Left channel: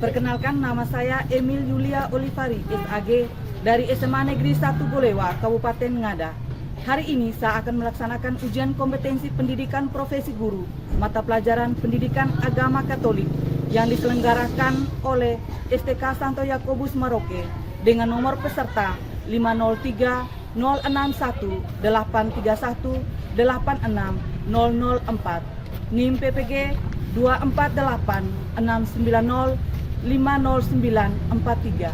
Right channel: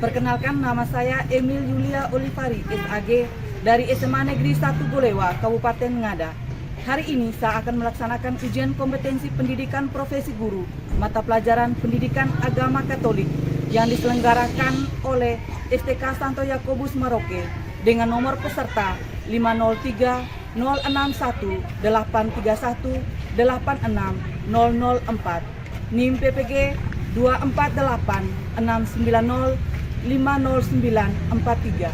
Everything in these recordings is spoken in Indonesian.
Perkenalkan, nama saya Emil Yulia Olivari, SAG, dari SMA Negeri 1 Bolewa, Kabupaten Ngada. Hari ini saya akan melaksanakan ujian kompetensi pendidikan profesi guru, mata pelajaran pendidikan agama Katolik, yang diselenggarakan oleh STK Santo Yakobus Maroke, dengan nomor peserta 503 061 831 86 004, NIM PPG 248 690 50943.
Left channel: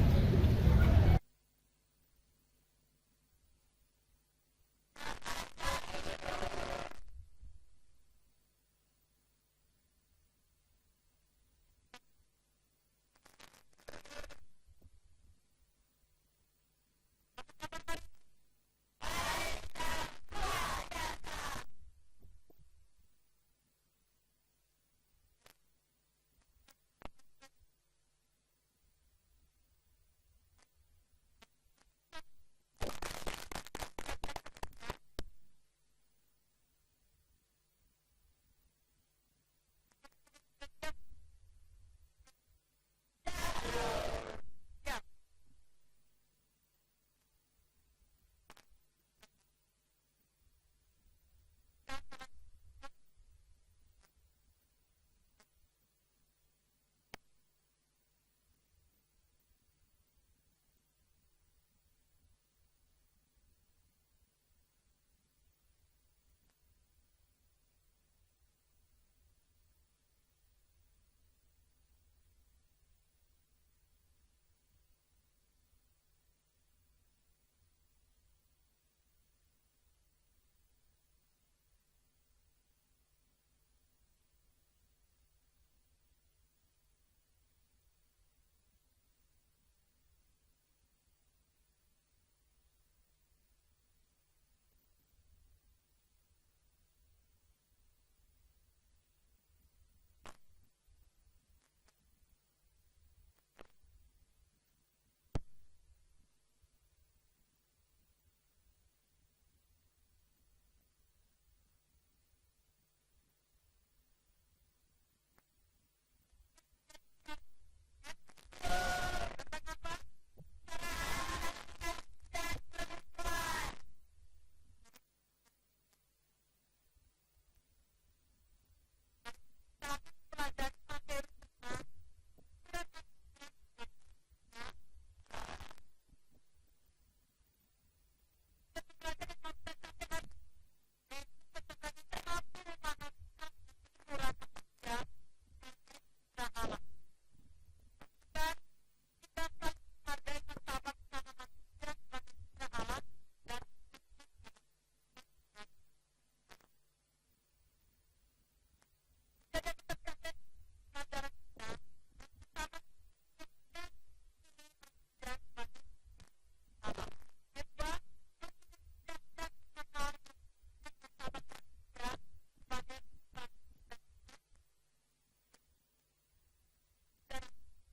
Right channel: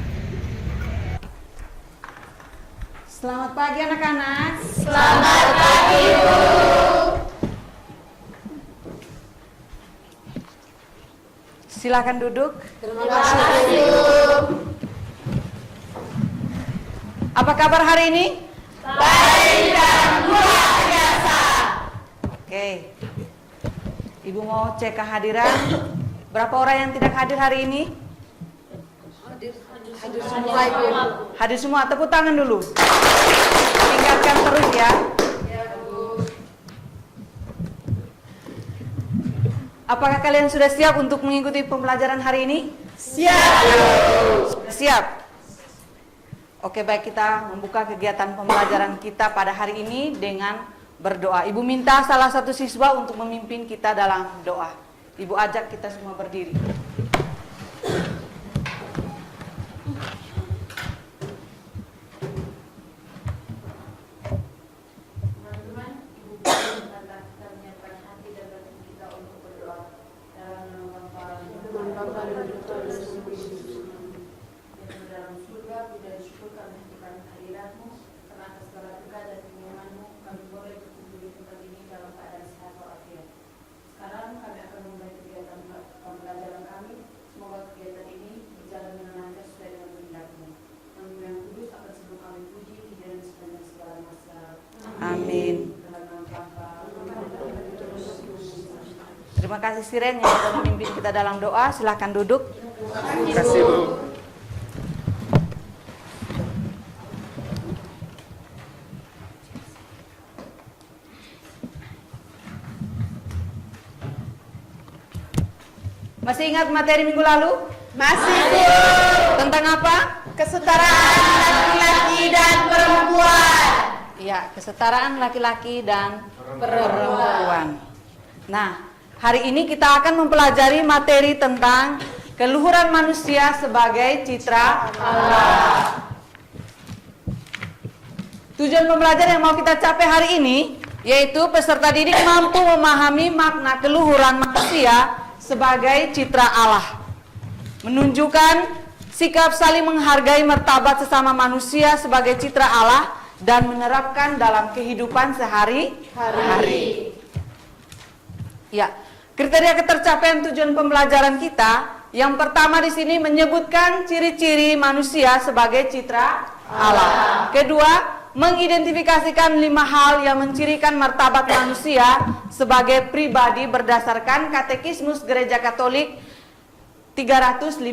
Selamat pagi anak-anak. Selamat pagi, Bu. Silakan duduk. Terima kasih, Bu. Apa kabar hari ini? Baik dan luar biasa. Oke. Ibu mau cek kehadiran. Berapa orang yang tidak hadir hari ini? Hadir semua, Ibu. Hadir semua, tepuk tangan dulu. Tingkatkan terus ya. Apakah kalian sudah siap untuk mengikuti pembelajaran hari ini? Siap. Siap. Oke, baik, kita membuka kegiatan pembelajaran kita pada hari ini dengan berdoa. Ibu minta salah satu siswa untuk memimpin kita dalam doa. Ibu ajak kita semua berdiri. Amin. Terima kasih Siren yang sudah memimpin kita dalam doa. Silakan duduk. Terima kasih, Bu. Masih ingat materi minggu lalu? Masih, Bu. Tentang apa? Kesetaraan laki-laki dan perempuan. Ya, kesetaraan laki-laki dan perempuan. Nah, hari ini kita akan mempelajari materi tentang keluhuran manusia sebagai citra Allah. Tujuan pembelajaran yang mau kita capai hari ini yaitu peserta didik mampu memahami makna keluhuran manusia sebagai citra Allah, menunjukkan sikap saling menghargai martabat sesama manusia sebagai citra Allah dan menerapkan dalam kehidupan sehari-hari. Ya, kriteria ketercapaian tujuan pembelajaran kita yang pertama di sini menyebutkan ciri-ciri manusia sebagai citra Allah. Kedua, mengidentifikasikan 5 hal yang mencirikan martabat manusia sebagai pribadi berdasarkan Katekismus Gereja Katolik 357.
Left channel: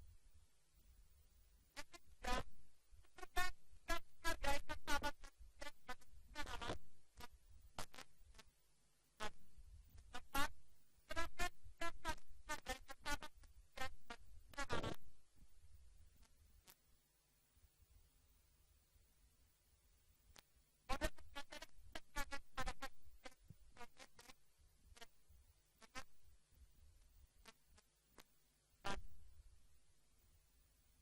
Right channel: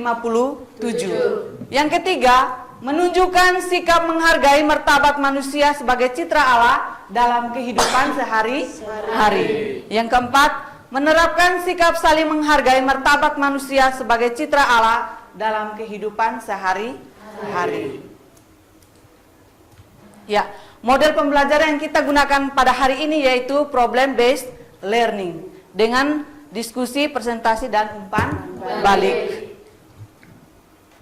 Yang ketiga, menunjukkan sikap menghargai martabat manusia sebagai citra Allah dalam kehidupan sehari-hari. Yang keempat, menerapkan sikap saling menghargai martabat manusia sebagai citra Allah dalam kehidupan sehari-hari. Ya, model pembelajaran yang kita gunakan pada hari ini yaitu problem based learning dengan diskusi, presentasi dan umpan balik.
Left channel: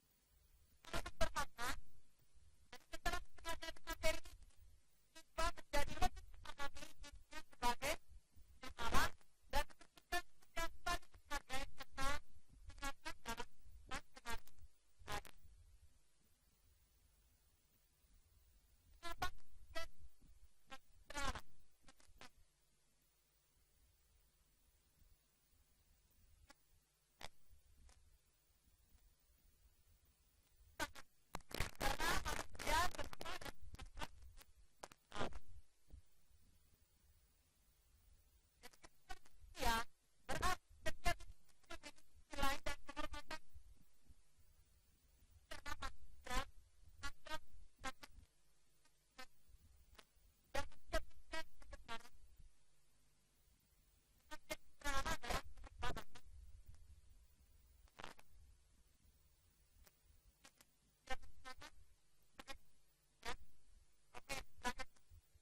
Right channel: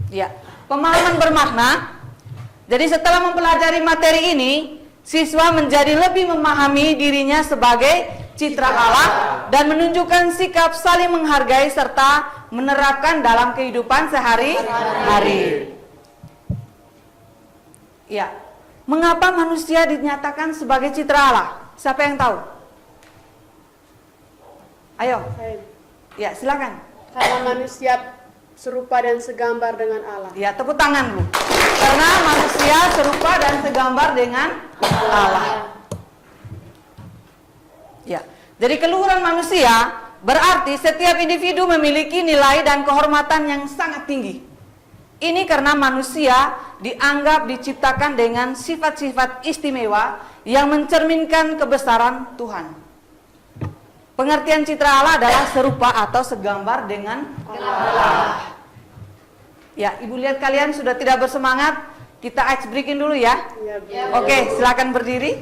Ya, pemahaman bermakna. Jadi setelah mempelajari materi ini, siswa menjadi lebih memahami dirinya sebagai citra Allah dan menunjukkan sikap saling menghargai serta menerapkan dalam kehidupan sehari-hari. Ya, mengapa manusia dinyatakan sebagai citra Allah? Siapa yang tahu? Ayo. Ya, silakan. Karena manusia serupa dan segambar dengan Allah. Ya, tepuk tangan, Bu. Karena manusia serupa dan segambar dengan Allah. Ya. Jadi keluhuran manusia berarti setiap individu memiliki nilai dan kehormatan yang sangat tinggi. Ini karena manusia dianggap diciptakan dengan sifat-sifat istimewa yang mencerminkan kebesaran Tuhan. Pengertian citra Allah adalah serupa atau segambar dengan Allah. Ya, Ibu lihat kalian sudah tidak bersemangat. Kita ice breaking dulu ya. Ya, Bu. Oke, silakan berdiri.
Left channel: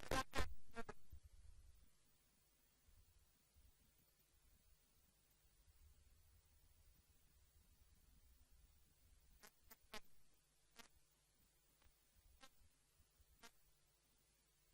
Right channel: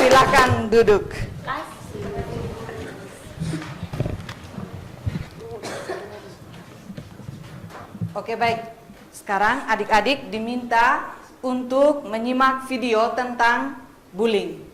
Silakan duduk. Oke, baik. Sekarang adik-adik diminta untuk menyimak video tentang bullying.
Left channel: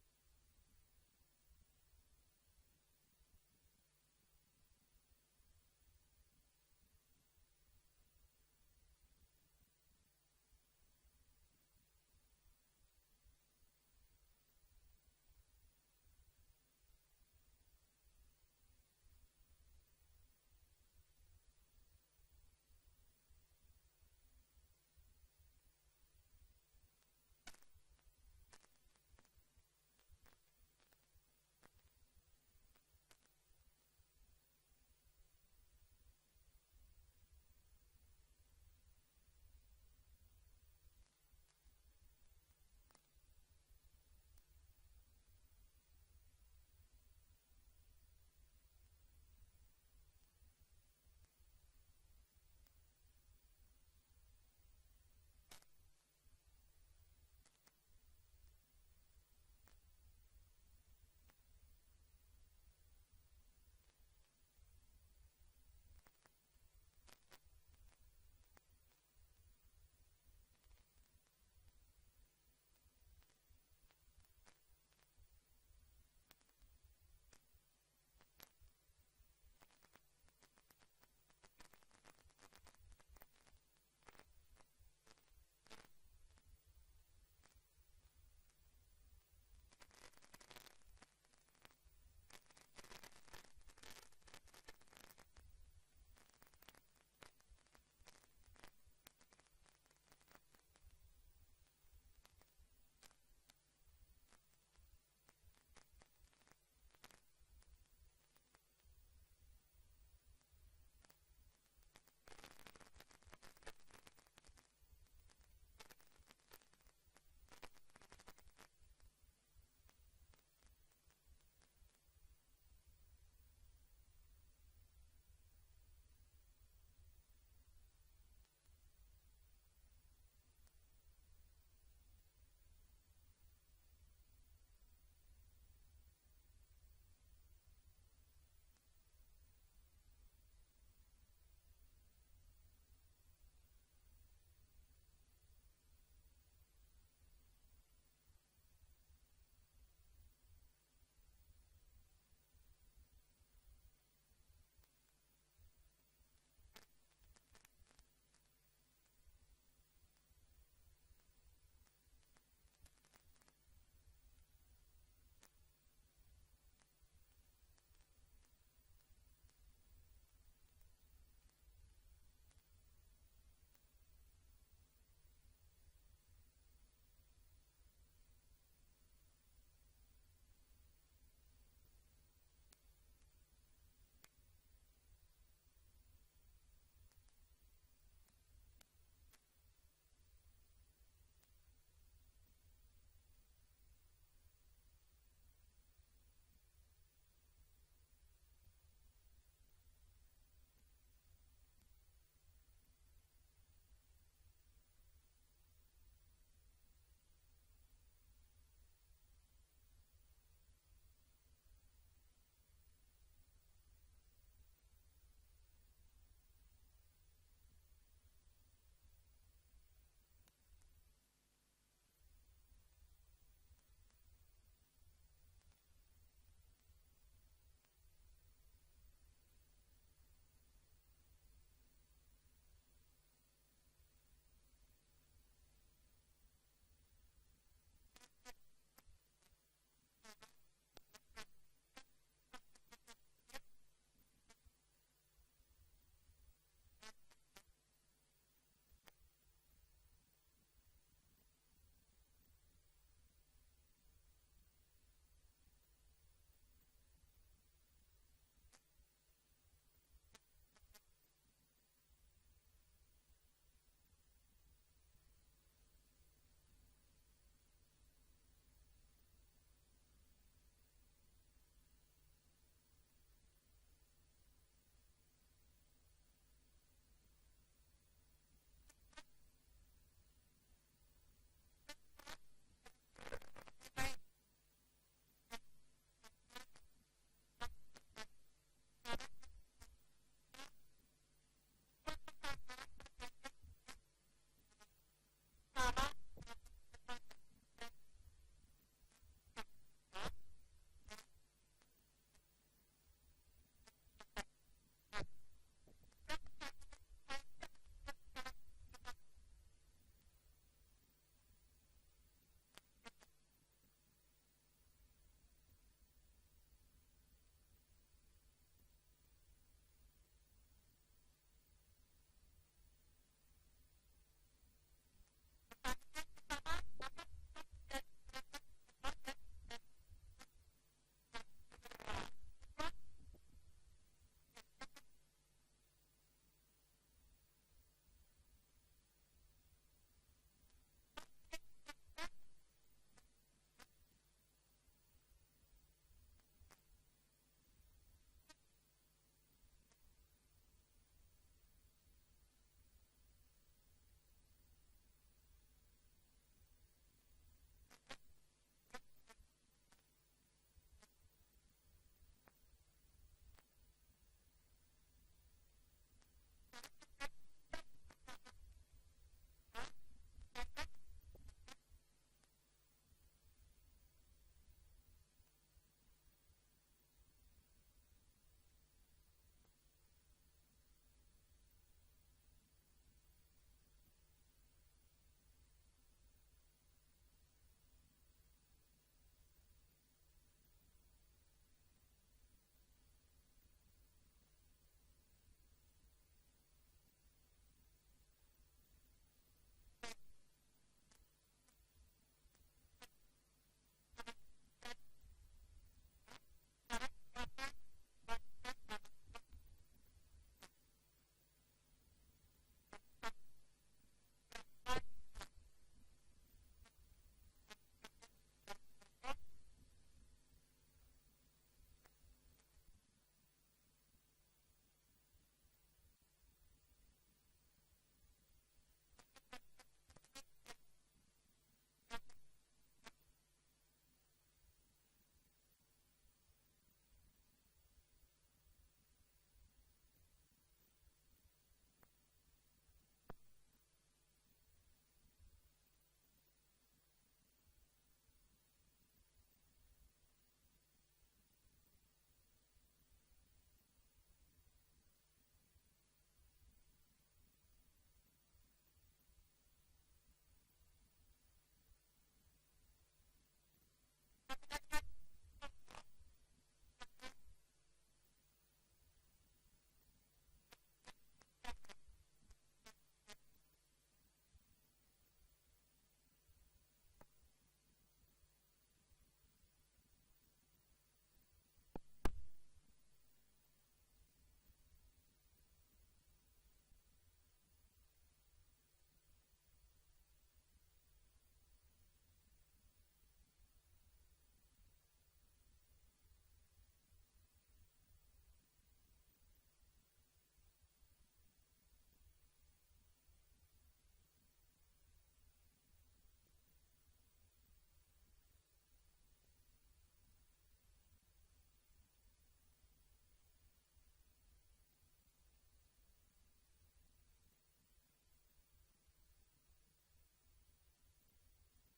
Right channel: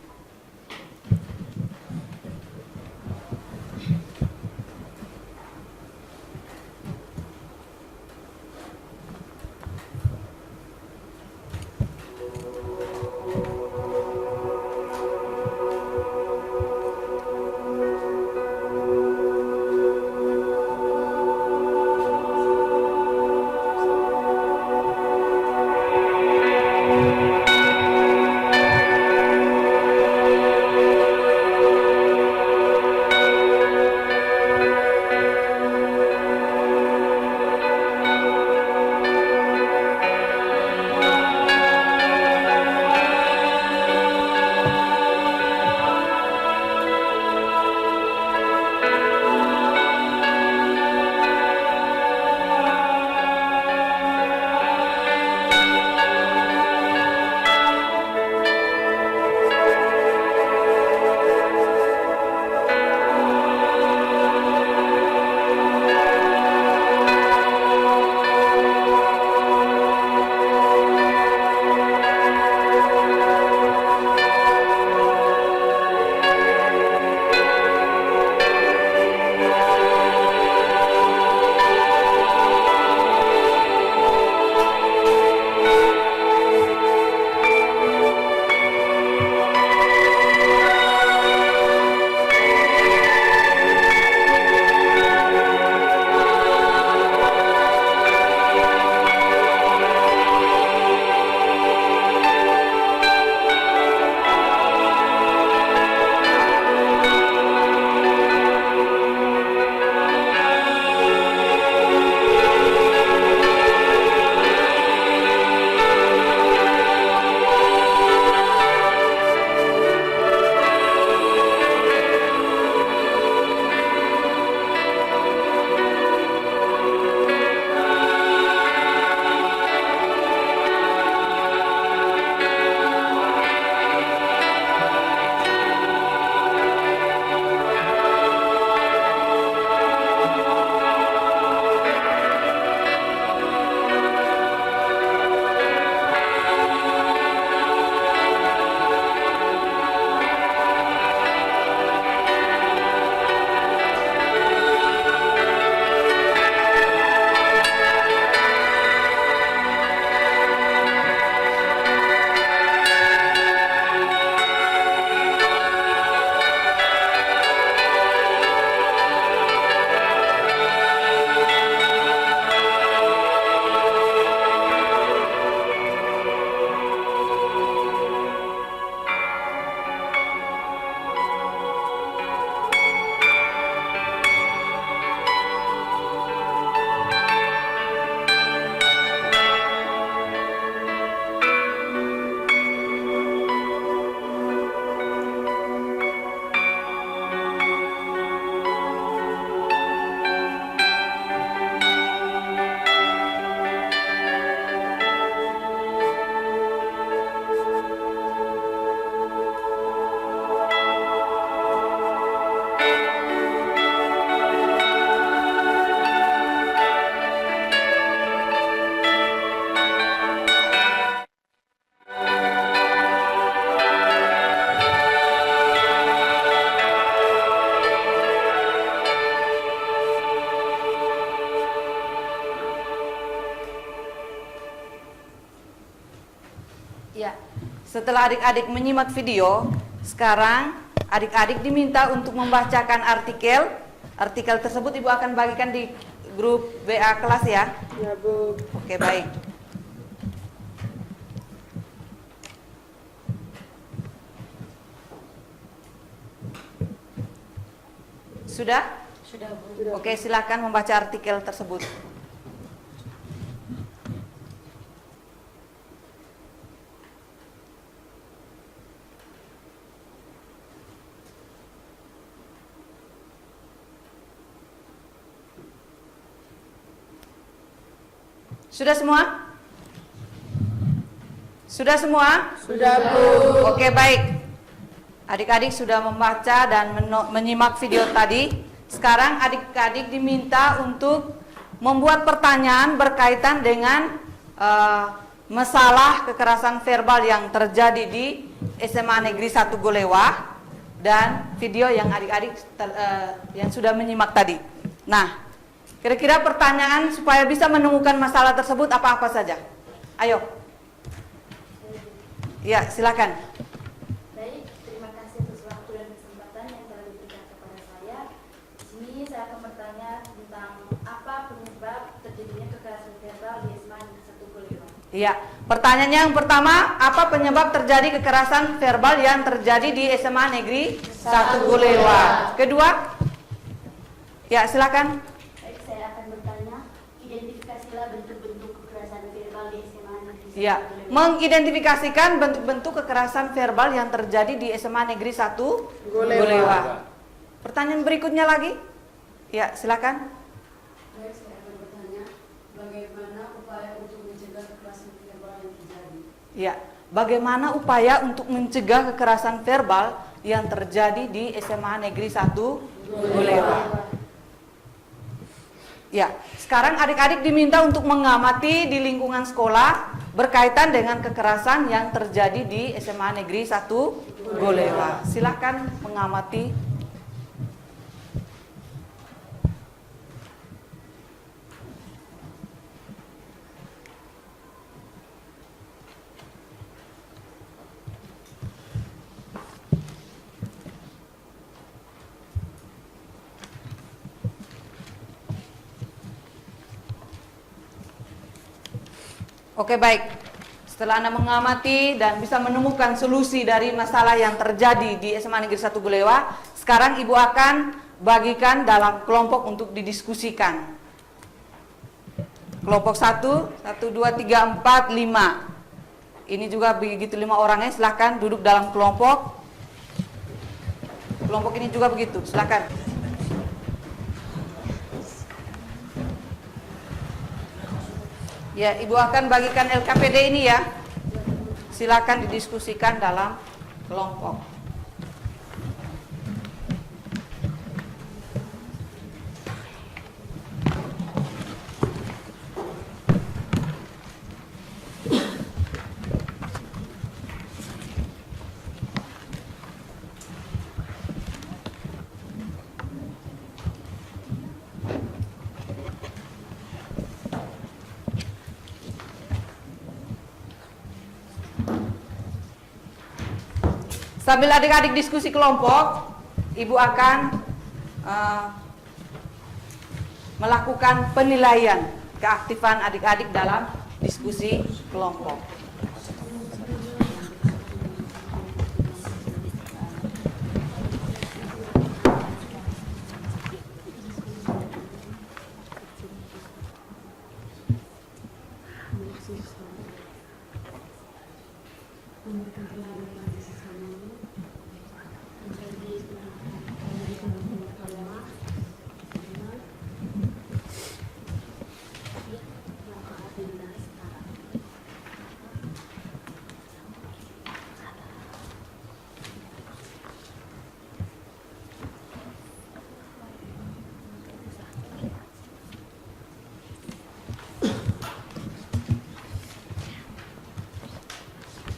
Ya, setelah adik-adik menyimak video, sekarang adik-adik diminta untuk membacakan artikel. Artikel tersebut Ibu akan bagikan di grup WA kelas ya. Ya, Bu. Oke, baik. Sudah? Sudah, Bu. Oke, silakan membaca artikel tersebut. Sudah semua? Sudah semua? Sudah, Bu. Oke, baik. Adik-adik sudah membaca dan menyimak video tadi. Sekarang adik-adik diminta untuk membuat pertanyaan berkaitan dengan masalah kekerasan verbal yang terjadi di SMA Negeri 1 Golewa dan video yang adik-adik yang sudah menyimak tadi. Nah, kira-kira pertanyaan supaya bisa menemukan masalah tersebut apa-apa saja? Ayo. Ya, silakan. Baik, terima kasih atas waktu dan kesempatan yang telah diberikan kepada saya. Di sini saya akan bertanya tentang apa penyebab terjadinya kekerasan verbal di SMA Negeri 1 Golewa. Iya, pertanyaannya yang pertama, apa penyebab terjadi kekerasan verbal yang terjadi di SMA Negeri 1 Golewa? Kedua, ya silakan. Baik, saya akan bertanya, identifikasilah bentuk-bentuk kekerasan verbal di SMA Negeri 1 Ya, Golewa. mengidentifikasikan bentuk-bentuk kekerasan verbal yang terjadi di SMA Negeri 1 Golewa. Pertanyaan berikutnya lagi, ya silakan. Baik, saya akan bertanya, bagaimana upaya untuk mencegah kekerasan verbal yang terjadi? Ya, bagaimana upaya untuk mencegah kekerasan verbal yang terjadi di SMA Negeri 1 Golewa? Ya, sekarang adik-adik diminta untuk mengamati di lingkungan sekolah berkaitan dengan kekerasan yang terjadi di SMA Negeri 1 Golewa. Silakan mengamati. Oke, baik. Setelah Anda mengamati dan bisa menemukan solusi dari masalah yang terjadi di SMA Negeri 1 Golewa, sekarang Ibu akan bagikan dalam kelompok untuk didiskusikan. Kelompok 1, 1, 2, 3, 4, 5. Ini juga begitu 5 orangnya, silakan duduk dalam kelompok. Kelompok ini juga begitu, silakan. Ya, Ibu akan bagikan LKPD ini ya. Silakan didiskusikan dalam kelompok. Sambil adik-adik diskusi kelompok, Ibu akan melakukan penilaian keaktifan adik-adik dalam diskusi kelompok.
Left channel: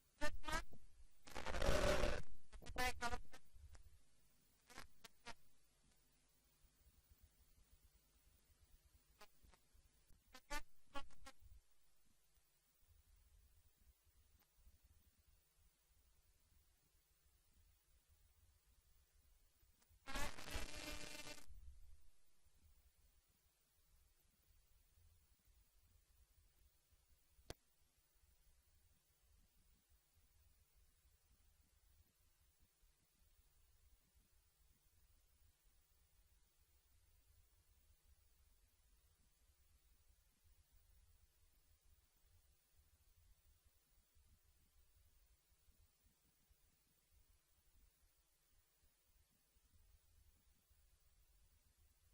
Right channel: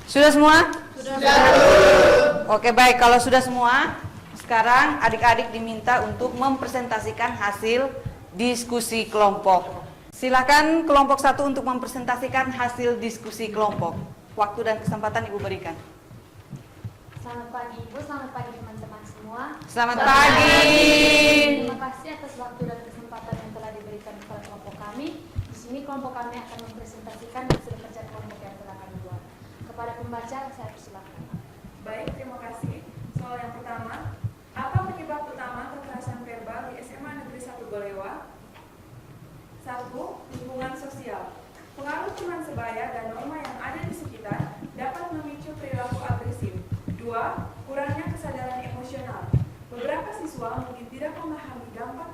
Sudah semua? Sudah. Oke, baik. Kalau sudah semua, sekarang adik-adik diminta untuk mempresentasikan hasil diskusi kelompok. Silakan kelompok 1 untuk mempresentasikan hasil diskusi kelompok. Waktu dan kesempatan Ibu berikan. Selamat pagi Ibu, selamat pagi teman-teman semua. Selamat pagi. Terima kasih atas waktu dan kesempatan yang telah diberikan kepada kelompok kami. Di sini kelompok kami akan mempresentasikan hasil kerja kelompok yang telah kami buat. Kepada pembaca, saya persilakan. Baik, terima kasih. Soal yang pertama, apa penyebab utama kekerasan verbal di SMA Negeri 1 Golewa? 1. Lingkungan sosial. Pengaruh teman sebaya dan norma yang ada di sekitar dapat memicu perilaku agresif. 2. Kurangnya kesadaran emosional. Beberapa siswa mungkin tidak memahami dampak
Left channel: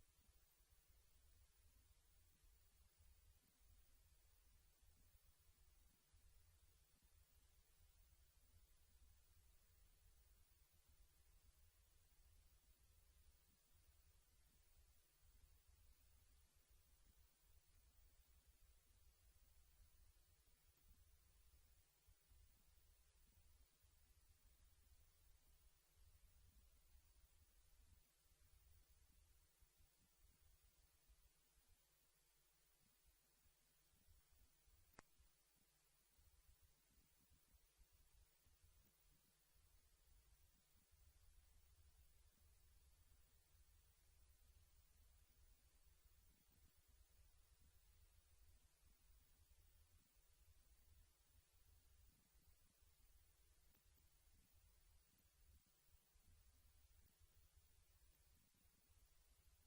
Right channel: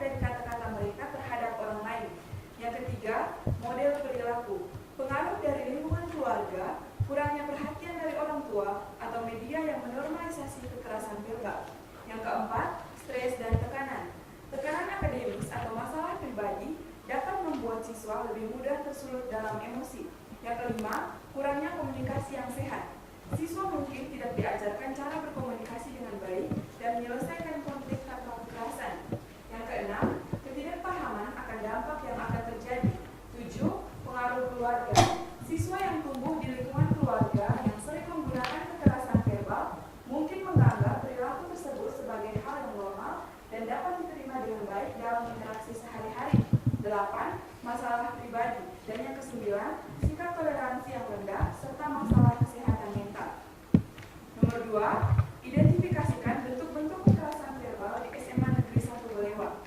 kelima, kurangnya komunikasi yang sehat. Siswa mungkin tidak diajarkan cara berkomunikasi dengan baik dan menyelesaikan konflik tanpa kekerasan. Yang keenam, ketidakpahaman akan dampak yang akan terjadi. 7. Pengaruh keluarga. Siswa yang tumbuh di lingkungan keluarga yang sering menggunakan kekerasan verbal mungkin menganggap perilaku tersebut sebagai hal yang normal dan dapat diterima dengan baik dalam interaksi sehari-hari. 8. Masalah pribadi. Dan yang kesembilan, sikap toleransi yang rendah serta masalah kesehatan mental. Nomor 2, identifikasikan bentuk-bentuk kekerasan verbal di SMA Negeri 1 Balewa.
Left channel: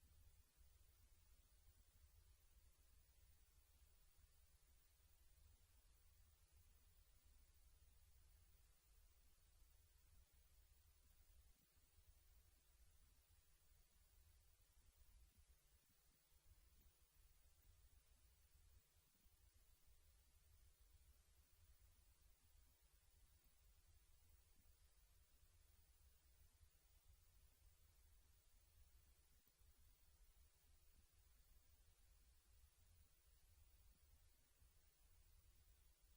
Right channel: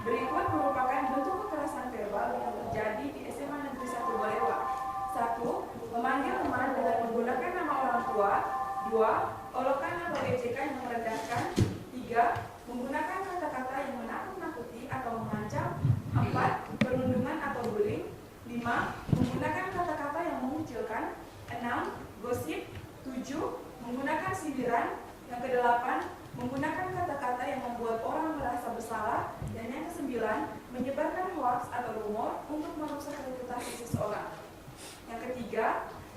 Berikut merupakan bentuk kekerasan verbal yang terjadi di SMA Negeri 1 Balewa. 1. Memanggil teman dengan menggunakan nama orang tua. 2. Olokan atau ejekan yang merendahkan. 3. Menggunakan kata-kata yang menakut-nakuti atau mengancam. 4. Perundungan atau bullying. 5. Menggunakan kata-kata yang mengucilkan. 6. Gosip. 7. Menggunakan sindiran. Yang ke-8. Menggunakan kata-kata yang membuat orang merasa bersalah. Dan yang ke-9. Menyebarkan hoaks atau rumor untuk merusak reputasi seseorang. Yang ketiga,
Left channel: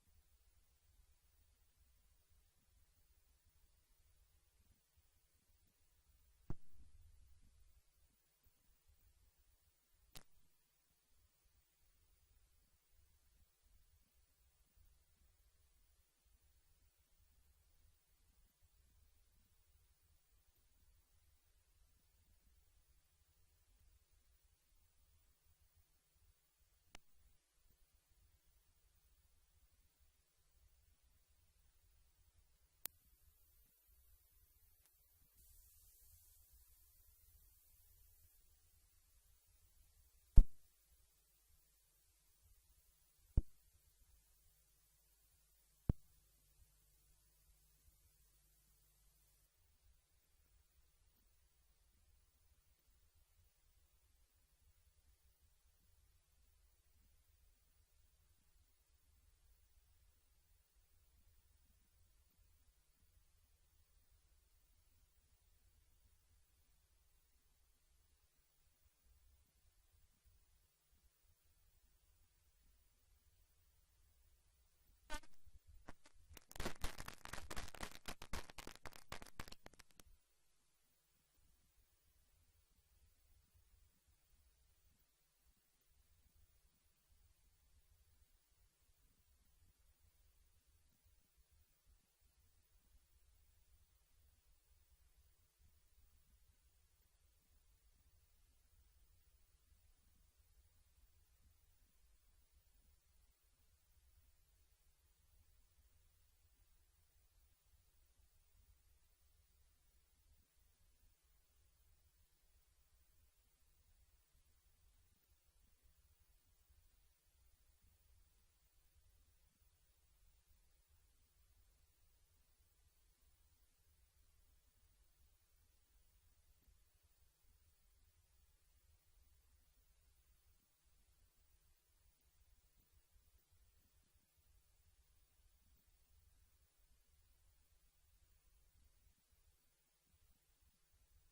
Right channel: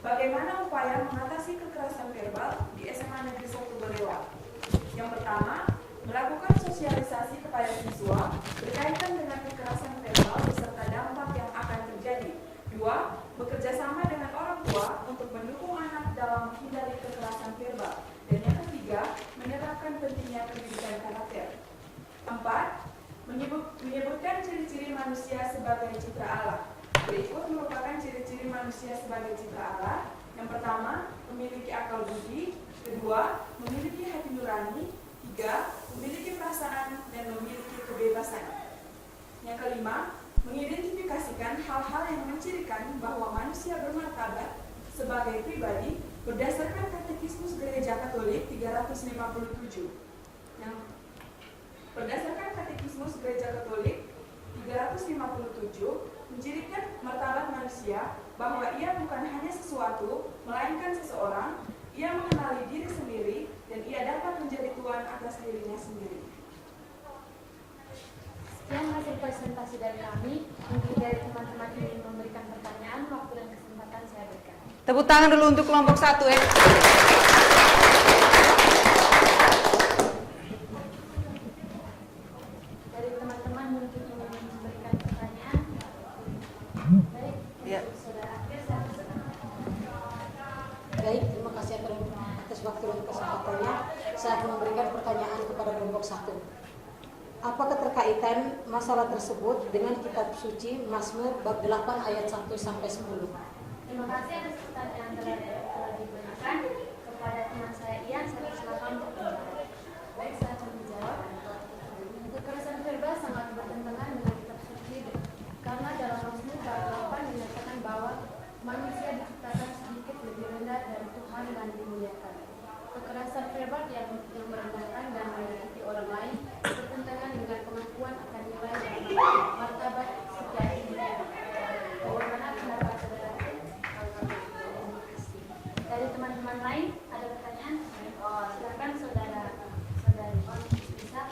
bagaimana upaya mengatasi kekerasan verbal di SMA Negeri 1 Balewa. Yang pertama, melakukan sosialisasi kepada siswa berkaitan dengan kekerasan verbal beserta dampak yang akan terjadi. 2. Bekerjasama dengan orang tua untuk mendukung anak dalam menghindari kekerasan verbal. Dan yang ketiga, menerapkan pentingnya pendidikan karakter. 4. Menyebutkan ciri-ciri manusia sebagai citra Allah. Berikut merupakan ciri-ciri manusia sebagai citra Allah. Yang pertama, memiliki akal budi. Kedua, memiliki hati nurani. 3. Memiliki perasaan dan memiliki kebebasan. Yang kelima, mengidentifikasikan hal-hal yang mencirikan bahwa manusia bermartabat sebagai pribadi berdasarkan Katekismus Gereja Katolik 357. Berdasarkan Katekismus Gereja Katolik 357, mencirikan martabat manusia bahwa ia bukan hanya sesuatu, melainkan seseorang. Ia mengenali diri sendiri dan ia dapat menjadi tuan atas dirinya sendiri. Sekian hasil presentasi dari kami. Mungkin dari teman-teman ingin memberikan pertanyaan, waktu dan kesempatan saya berikan. Tepuk tangan dulu untuk kelompok 1 ya. Dari teman-teman mungkin ingin memberikan pertanyaan. Baik, Ya. saudara Akhir, saya persilakan. Baik, terima kasih atas waktu dan kesempatannya. Saya akan memberikan pertanyaan kepada kelompok 1. Apa keterkaitan masalah tersebut dengan kitab suci Mazmur bab 8 ayat 1 sampai 10? Terima kasih atas pertanyaan telah diberikan kepada teman saya Ian. Saya persilakan untuk menjawab. Baik, saya akan menjawab. Kekerasan verbal sangat bertentangan dengan kitab suci karena dalam Mazmur bab 8 dinyatakan bahwa manusia diciptakan sedikit lebih rendah dari Tuhan dan dimuliakan. Kekerasan verbal yang merendahkan dan menyakiti orang lain bertentangan dengan pengakuan akan nilai dan martabat setiap individu. Bagaimana pendapat saudara? Dari teman-teman lain ada pertanyaan? Silakan saudari bisa.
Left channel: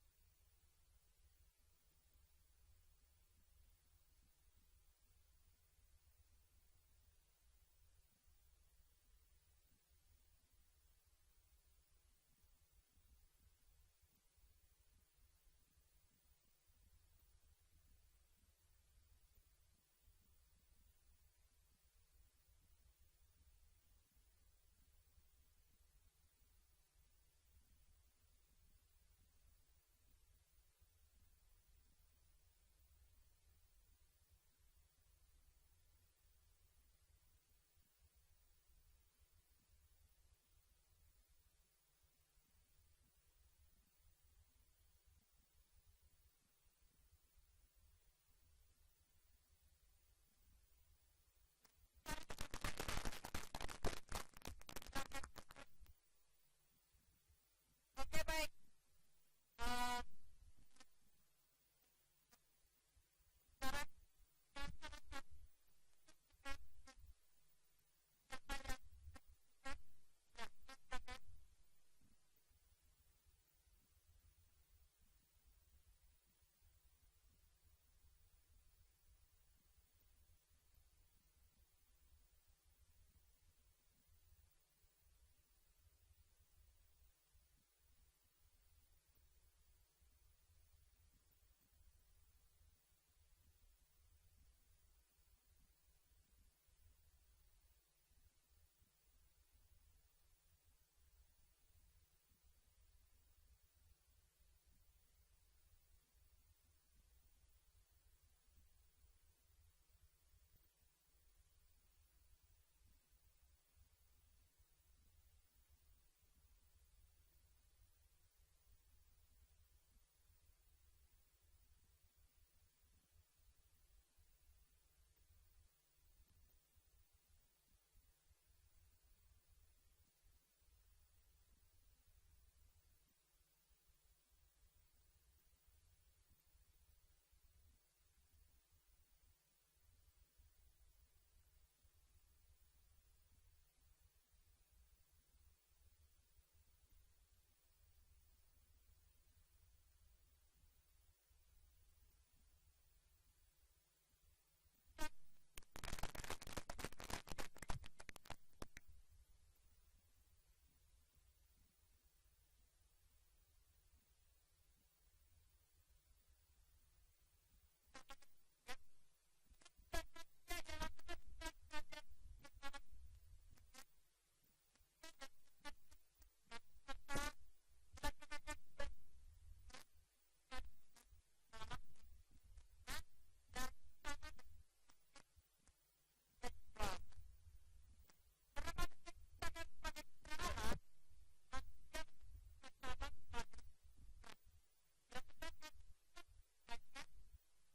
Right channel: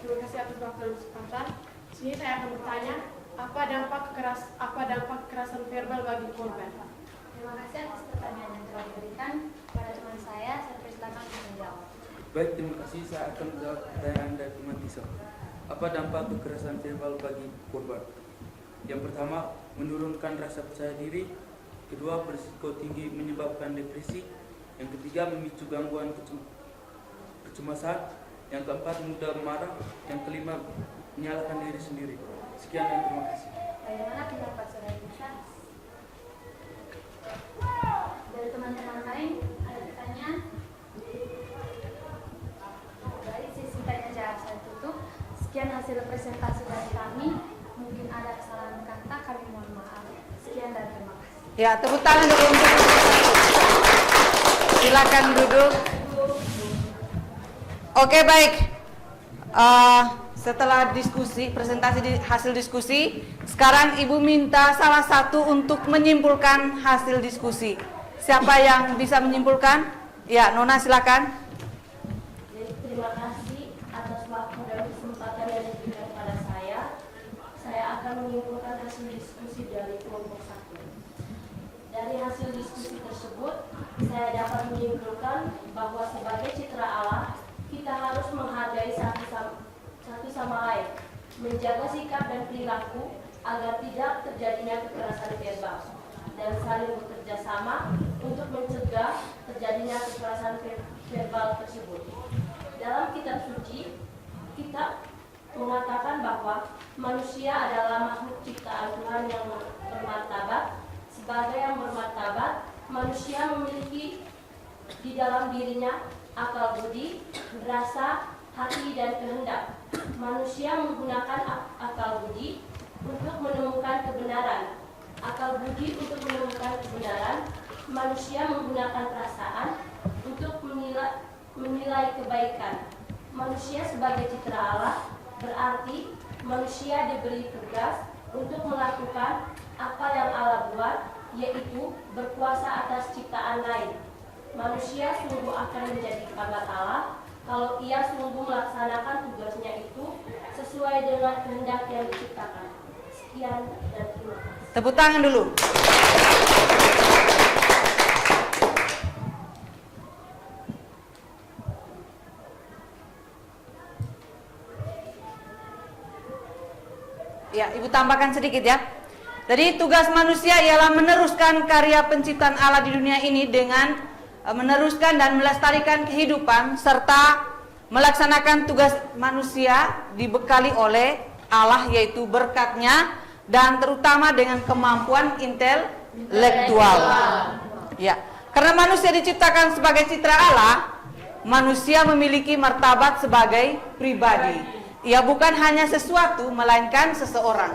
Terima kasih atas waktu dan kesempatan. Sini saya akan bertanya, apa dampak kekerasan verbal bagi korban? Terima kasih atas pertanyaan yang telah diberikan kepada teman saya. Saya persilakan untuk menjawab. Baik, terima kasih. Saya akan menjawab pertanyaan dari teman Tisa. Apa dampak kekerasan verbal bagi korban? Yang pertama, menurunkan rasa percaya diri. Kedua, berisiko tinggi menyebabkan depresi. Yang ketiga, memicu gangguan kecemasan. Yang keempat, mudah marah. Yang kelima, menyalahkan diri sendiri. Sekian dan terima kasih. Bagaimana pendapat saudara Tisa? Dari teman-teman lain ada pertanyaan? Dari sesi tanya jawab saya tutup. Sekian hasil presentasi dari kami. Mungkin ada kesalahan kata, kami mohon maaf. Sekian dan terima kasih. Ya, tepuk tangan dulu untuk silakan duduk. Oke, baik. Setelah diskusi, hasil diskusi, sekarang Ibu minta salah satu untuk menyimpulkan hasil diskusi. Siapa yang bisa menyimpulkan? Ya, Nona silakan. Jadi terima kasih atas waktu dan kesempatan yang diberikan kepada saya. Saya akan menyimpulkan hasil diskusi dari kelompok 1. sama lain, menjaga sikap dan perilaku agar tidak terjadinya kekerasan verbal, dan saling bekerja sama untuk mencegah terjadinya kekerasan verbal tersebut. Dalam kitab suci, kita mengatakan bahwa manusia adalah makhluk ciptaan Tuhan yang bermartabat. Sebagai yang bermartabat, manusia memiliki di dalam dirinya akal budi, rasa, hati, dan kehendak. Manusia menggunakan akal budi untuk menemukan kebenaran. Akal budi untuk menemukan kebenaran. Manusia menggunakan perasaan untuk menilai kebaikan. Manusia sebagai citra Allah berarti manusia diberi tugas untuk melakukan apa yang Allah buat, yaitu berkuasa atas ciptaan lain. Manusia sungguh akan menjadi kerabat Allah kalau ia sungguh melaksanakan tugasnya itu sesuai dengan kehendak yang diciptakan. Sekian dan terima kasih. Tepuk tangan dulu. Ya, Ibu tambahkan sedikit ya. Jadi tugas manusia ialah meneruskan karya penciptaan Allah di dunia ini dengan meneruskan dan melestarikan kehidupan serta melaksanakan tugas manusia dibekali oleh Allah, yaitu berkatnya dan terutama dengan kemampuan intelektual. Ya, karena manusia diciptakan sebagai citra Allah, manusia memiliki martabat sebagai pribadi. Ia bukan hanya sesuatu, melainkan seseorang.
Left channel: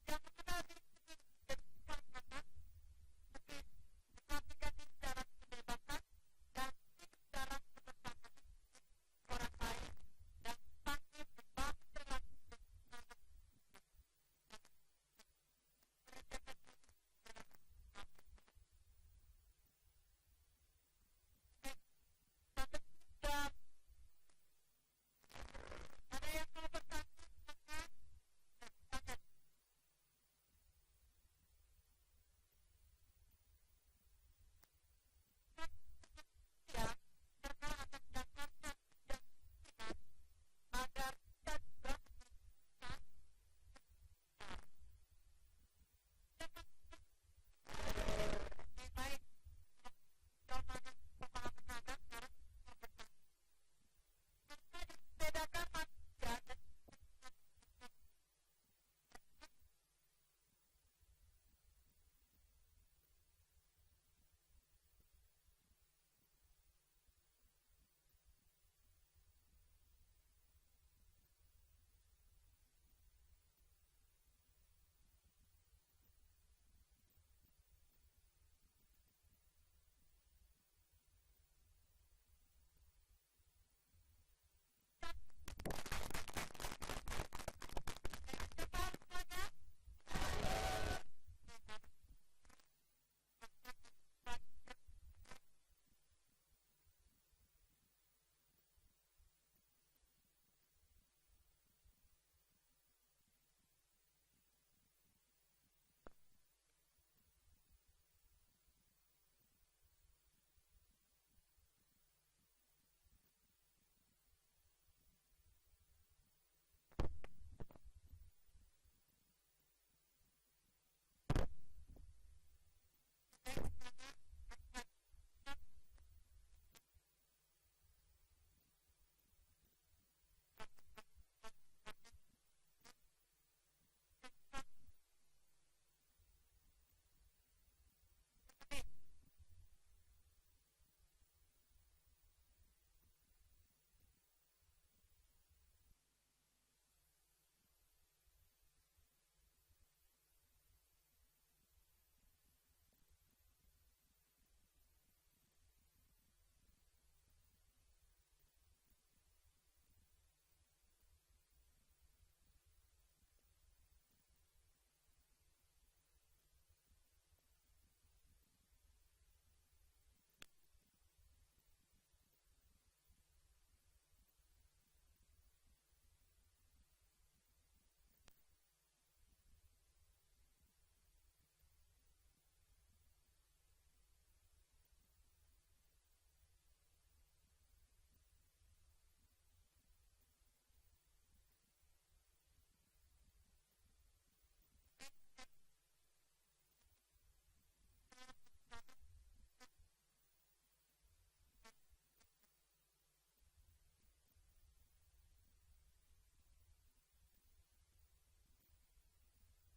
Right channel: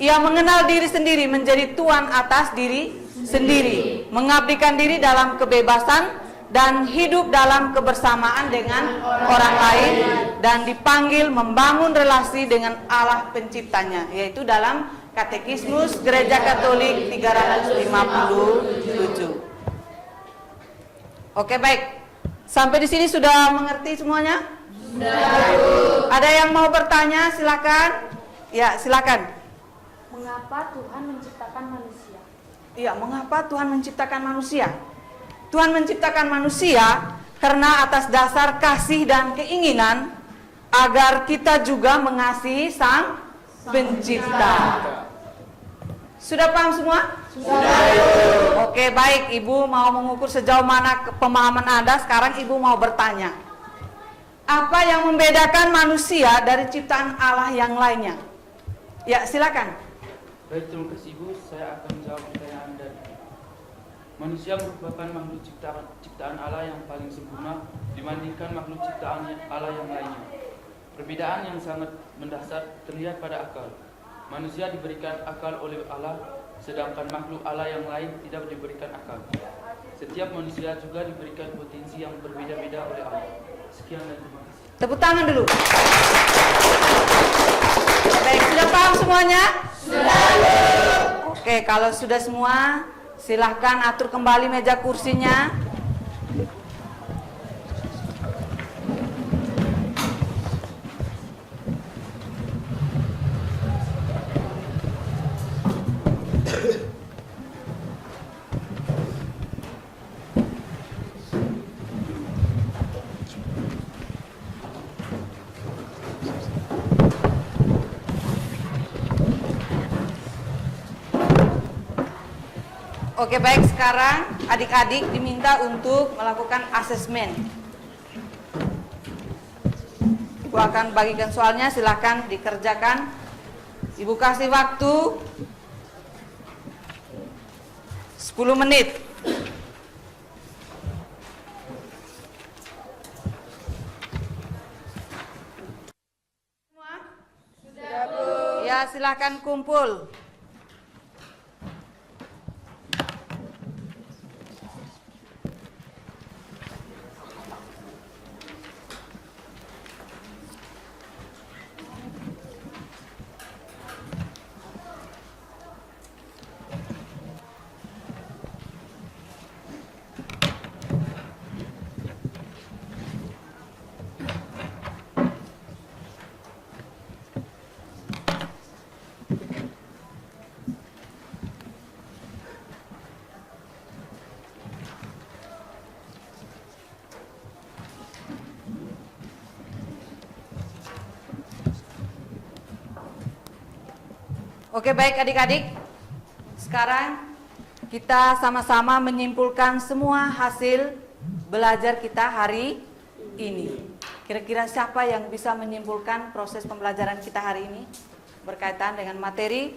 Ia mengenal diri sendiri, menjadi tuan atas diri sendiri, mengabdikan diri dalam kebebasan dan hidup dalam kebersamaan dengan orang lain, dan dipanggil membangun relasi dengan Allah penciptanya, yaitu dalam Katekismus Gereja Katolik 357. Oke, baik. Sampai di sini sudah mengerti semuanya? Ada yang mau bertanya? Silakan. Ya, silakan. Mengapa Tuhan menciptakan manusia? Iya, mengapa Tuhan menciptakan manusia? Tuhan menciptakan manusia karena atas dasar kasih dan keinginan agar kita juga mengasihi Sang Pencipta. Sudah paham semua? Sudah. Oke, baik. Ibu mau mengukur sejauh mana pemahaman Anda. Sekarang Ibu mau bertanya. Apa yang membedakan manusia dari ciptaan Allah yang lainnya? Ya, silakan. Baik, terima kasih Ibu. Saya akan menjawab pertanyaan Anda. Manusia merupakan makhluk ciptaan Allah yang paling sempurna dibandingkan makhluk ciptaan Allah yang lainnya. Perbedaan yang sangat mendasar terlihat pada akal. Manusia diberikan akal oleh Allah, sedangkan makhluk Allah yang lain tidak diberikan akal. Setiap manusia juga diberikan potensi yang berbeda-beda oleh Allah. Sekian dan terima kasih. Tepuk tangan dulu. Baik, sudah paham semuanya? Sudah. Oke, kalau sudah semua, silahkan atur kembali meja kursinya. Oke, baik, sekarang adik-adik diminta untuk melakukan asesmen. Ibu akan bagikan soalnya, silahkan dikerjakan. Ibu kasih waktu 10 menit. Semua? Sudah, Bu. Ya, silahkan kumpul. Oke, baik adik-adik. Sekarang kita sama-sama menyimpulkan semua hasil belajar kita hari ini. Kira-kira siapa yang bisa menyimpulkan proses pembelajaran kita hari ini berkaitan dengan materi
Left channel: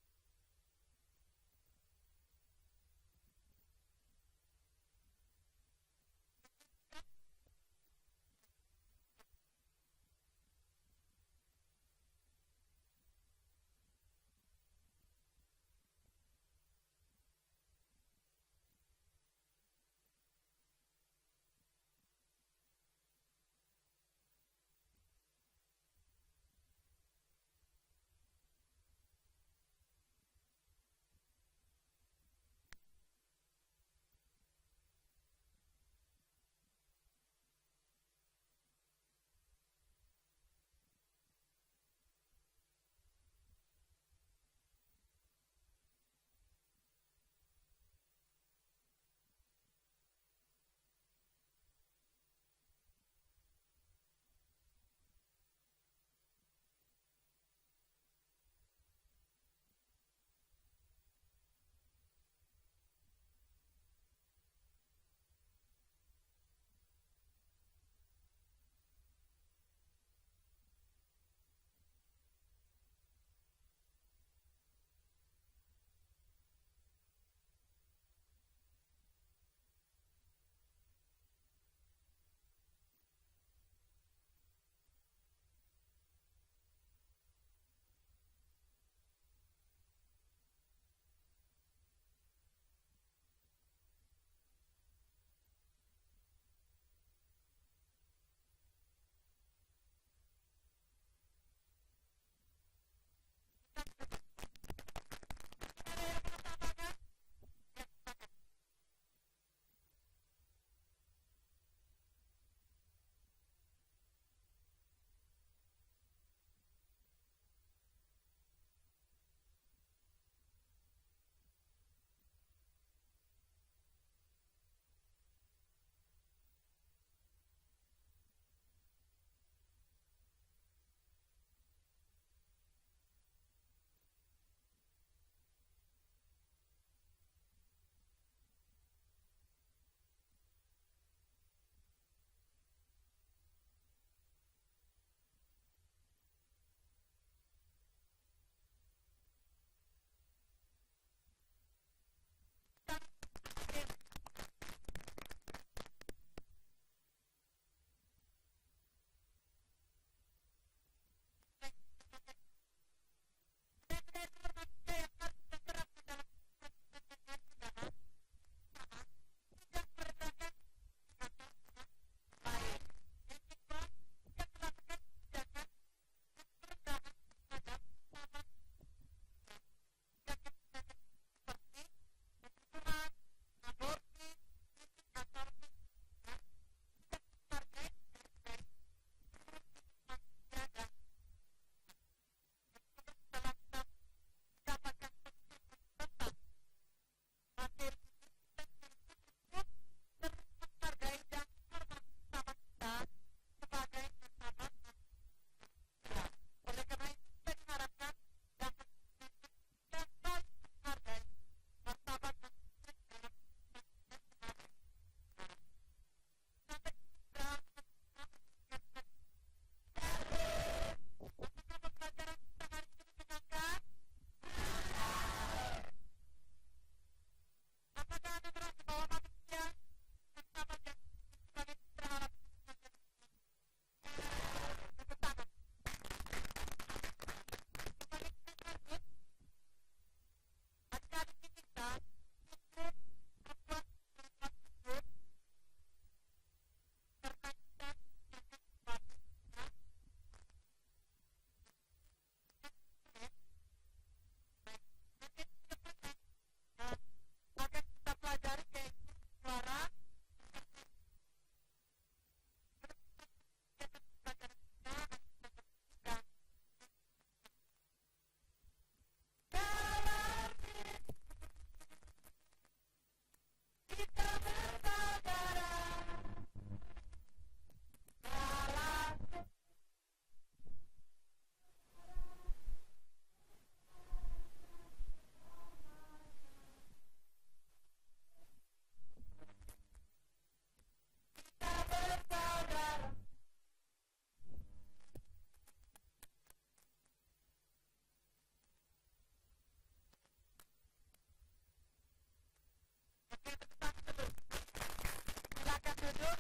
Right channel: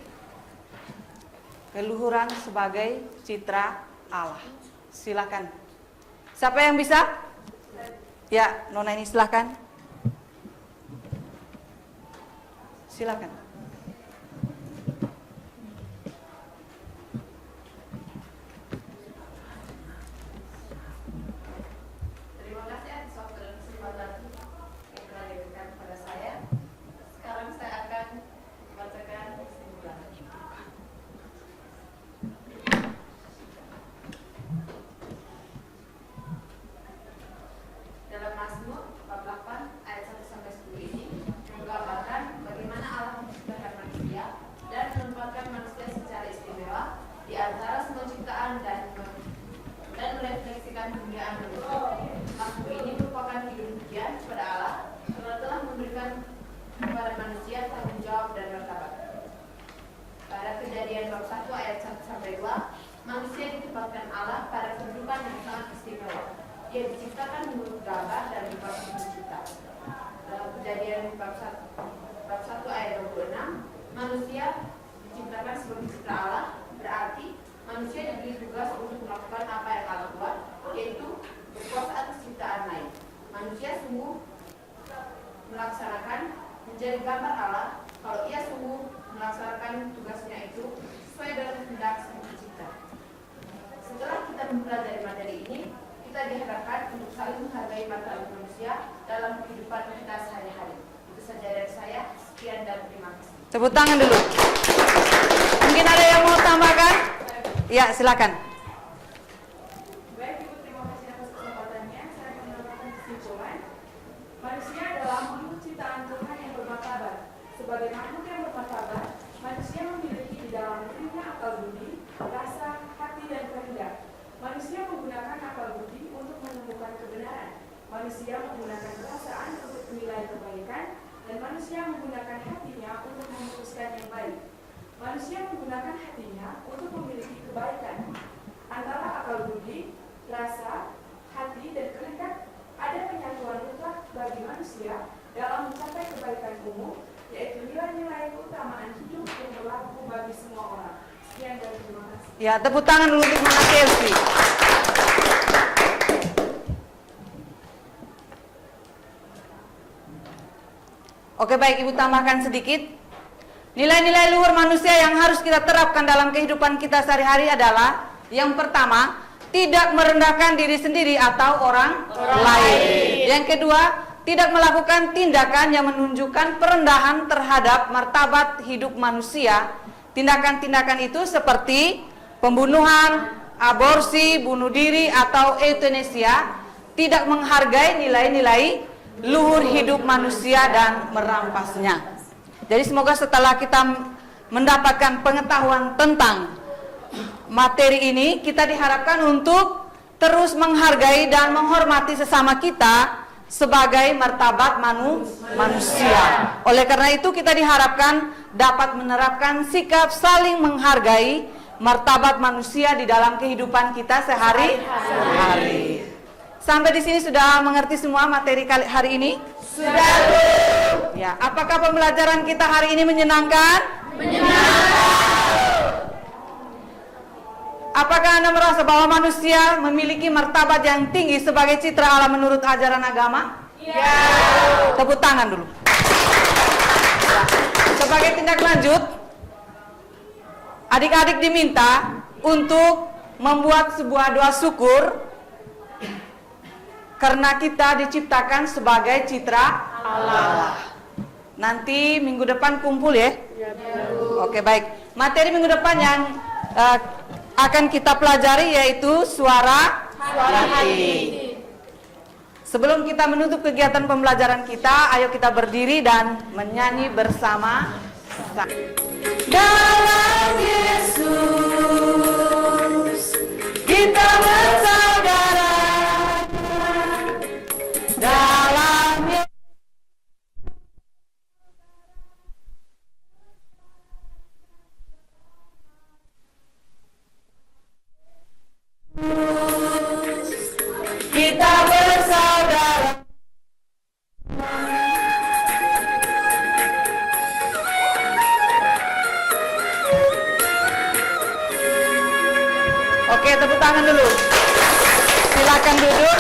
keluhuran sebagai citra Allah? Silakan. Siapa yang bisa? Ya, Nona ini silakan. Silakan. Terima kasih atas waktu dan kesempatan yang telah diberikan kepada saya. Sekarang saya akan membacakan kesimpulan. Dalam Mazmur 48 ayat 1-10 ini menggambarkan bagaimana Allah menciptakan manusia dan menempatkan manusia secara istimewa di antara semua ciptaan dan merefleksikan kemuliaan manusia. Mazmur ini merupakan hidup pujian kepada Allah karena telah memberikan kepada manusia tanggung jawab dan martabat. Pada Kejadian bab 1 ayat 1-2, manusia ditempatkan Allah pada kedudukan yang sangat istimewa. Ia diciptakan menurut gambar dan rupa Sang Pencipta. Dalam Kejadian bab 1 ayat 26, manusia diciptakan sebagai cipta Allah, berarti manusia diberi tugas untuk melakukan apa yang Allah buat, yaitu berkuasa atas ciptaan lain. Manusia sungguh melaksanakan menjadi gambar Allah kalau ia sungguh melaksanakan tugasnya itu sesuai dengan kehendak Sang Pencipta. Setelah kita mempelajari materi ini, kita diharapkan untuk saling menghargai martabat manusia dalam kehidupan kita sehari-hari. Itu saja dari saya. Sekian dan terima kasih. Tepuk tangan dulu. Mungkin ada yang mau tambahkan? Ya, silakan. Baik, Ibu, terima kasih atas kesempatannya. Saya akan melakukan kesimpulan. Manusia adalah makhluk ciptaan Tuhan yang bermartabat. Sebagai makhluk yang bermartabat, manusia memiliki di dalam dirinya akal budi, rasa, hati, dan kehendak. Manusia menggunakan akal budi untuk menemukan kebenaran. Manusia menggunakan perasaan untuk menilai kebaikan, dan manusia menggunakan hatinya untuk memutuskan yang baik. Manusia menggunakan hatinya untuk memiliki kebaikan. Antara akal budi, rasa, hati, dan kehendak ada penyatuan mutlak bagi manusia dalam mencapai kebaikan umum, yaitu nilai-nilai keutamaan hidup yang berlaku bagi semua orang. Sekian dan terima kasih. Ya, tepuk tangan dulu untuk Nona Chelsea. Oke, baik, Ibu tambahkan sedikit. Nilai-nilai luhur manusia yang harus kita terapkan dalam kehidupan kita sehari-hari adalah yang pertama, tidak merendahkan diri sendiri atau orang lain. Yang kedua, tidak melakukan tindakan yang menunjukkan perendahan terhadap martabat hidup manusia. Tindakan-tindakan itu seperti pembunuhan, aborsi, bunuh diri, atau euthanasia, tidak menghargai nilai-nilai luhur hidup manusia dan merampasnya. Jadi semoga setelah kita mendapatkan pengetahuan tentang materi ini, kita diharapkan untuk terus menghargai dan menghormati sesama kita sebagai martabat manusia. Oleh karena itu kita diharapkan dapat menerapkan sikap saling menghargai martabat manusia di dalam kehidupan kita sehari-hari. Sampai di sini sudah mengerti semua materi hari ini? Sudah. Ya, apakah pembelajaran kita hari ini menyenangkan? Menyenangkan. Apakah Anda merasa bahwa manusia memiliki martabat yang tinggi sebagai citra Allah menurut ajaran agama? Ya. Tepuk tangan dulu. Ya. Sebagai tindak lanjut, adik-adik diminta untuk membuat sebuah doa syukur karena kita diciptakan sebagai citra Allah. Nanti minggu depan kumpul ya? Oke, baik. Materi minggu depan yang akan kita pelajari yaitu suara hati. Sebelum kita menutup kegiatan pembelajaran kita, ayo kita berdiri dan menyanyi bersama. Dalam Yesus kita bersaudara. Dalam Yesus. tepuk tangan dulu. Silakan duduk.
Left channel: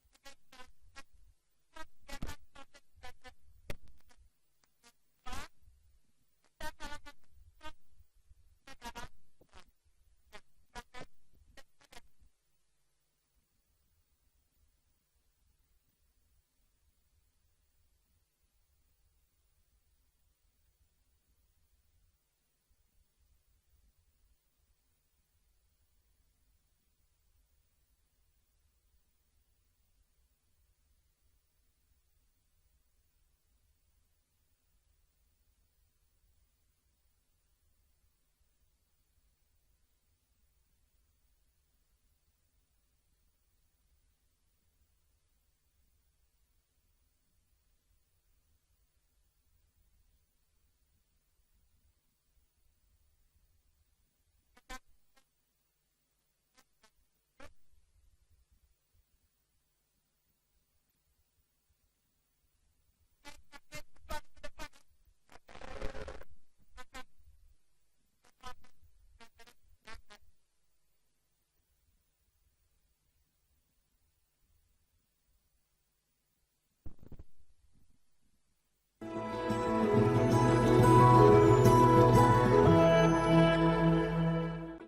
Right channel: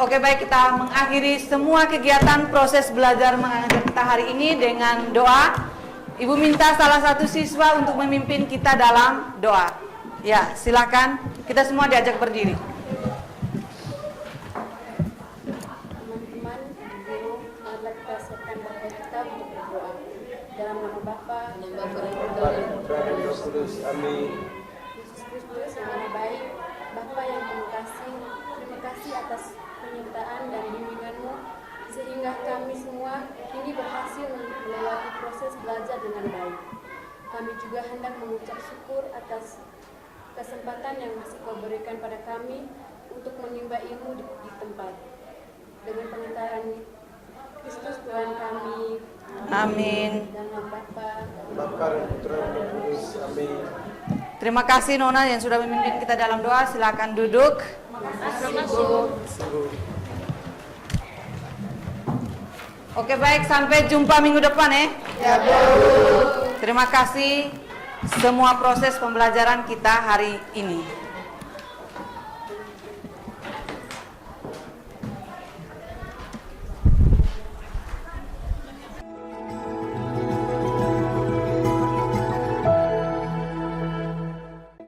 Oke, baik, kita mengakhiri semua kegiatan proses belajar mengajar kita hari ini dengan doa. Ibu minta salah satu siswa untuk memimpin kita dalam doa. Ya, silakan. Kita semua diajak berdiri. Teman-teman, guru, marilah kita siapkan Bapa kita untuk berdoa. Dalam nama Bapa dan Putra dan Roh Kudus. Amin. Yesus Kristus yang Maha Baik, Bapa yang Penuh Kasih, terima kasih atas penyertaan dan bimbingan-Mu sehingga kami semua kini berhasil melewati proses belajar dengan baik. Kami juga hendak mengucap syukur atas kesempatan yang masih Kau berikan pada kami untuk menimba ilmu di tempat. Dengan pengantaran Kristus Tuhan kami. Amin. Dalam Bapa dan Putra dan Roh Kudus. Amin. Terima kasih Nona yang sudah memimpin kita dalam doa. Silakan duduk. Oke, baik, sampai jumpa minggu depan ya. Terima kasih semua proses pembelajaran kita hari ini.